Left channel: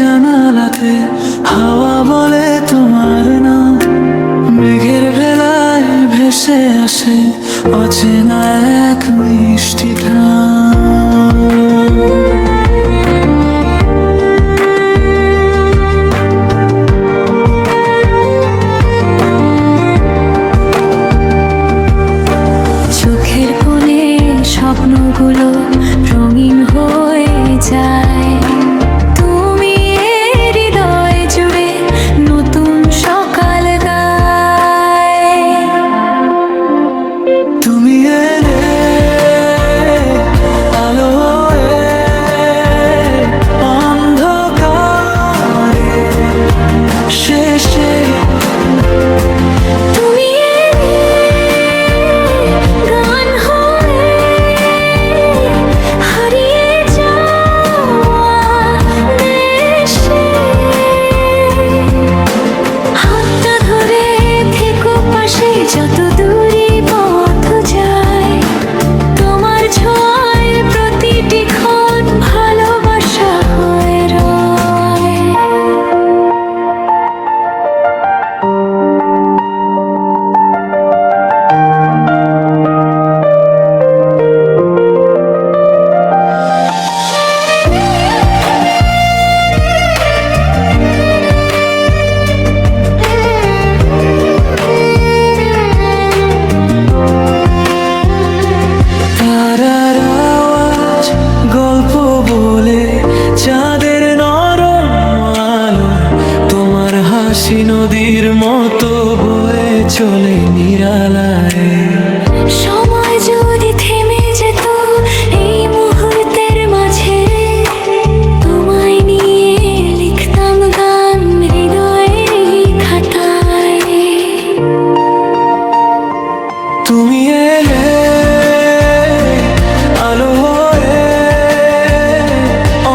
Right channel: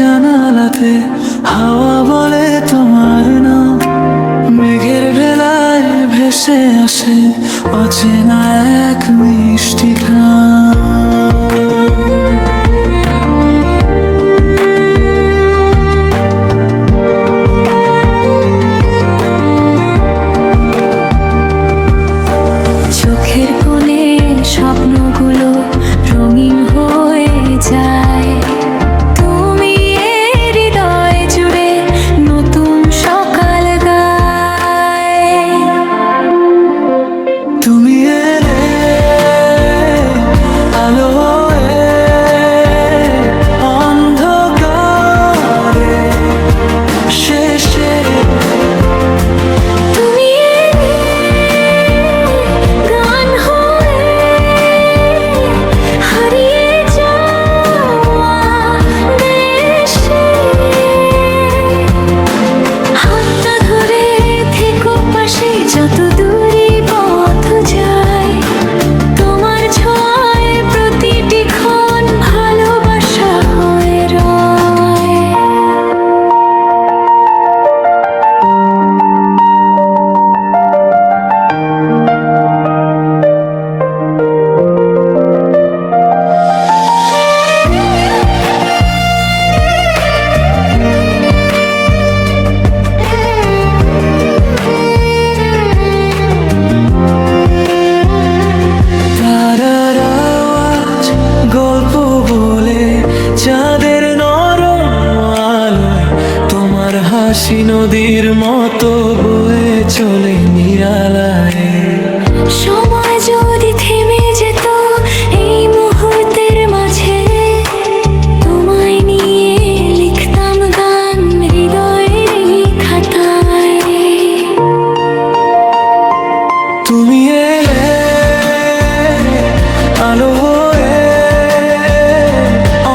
জানালাতে হাওয়া বলে তোমার নাম, মেঘের ভেলায় ভেসে আসে অচেনা এক মিষ্টি ঘ্রাণ। চোখের কোণে স্বপ্নগুলো রঙিন হয়ে যায়, তুমি হৃদয় জুড়ে নতুন সকাল গায়। তুমি এলে আলো হয়ে অন্ধকারে শেষে, তুমি এলে গান হয়ে হারিয়ে যাওয়া দেশে। হাতটা ধরে থেকো পাশে যত দূরই পথ যায়, তোমার ছোঁয়ায় প্রতিটি ক্ষণ ভালোবাসা হয়ে রয়। তারার আওয়াজ গল্প বলে চাঁদের নরম আলোয়, তোমার হাসি নদীর মতো বয়ে চলে নিরালায়। সময় যদি থেমে যেত এই মুহূর্তের মাঝে, তোমায় নিয়ে লিখতাম গান হৃদয়ের এই খাতায়। তুমি এলে আলো হয়ে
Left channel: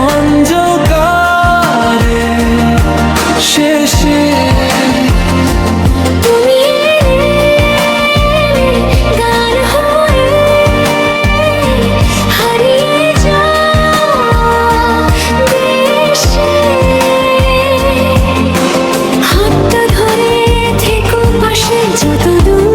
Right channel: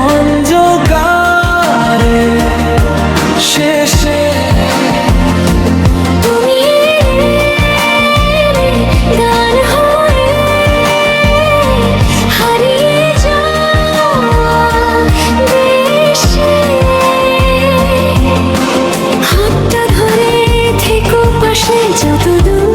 অন্ধকারে শেষে, তুমি এলে গান হয়ে হারিয়ে যাওয়া দেশে। হাতটা ধরে থেকো পাশে যত দূর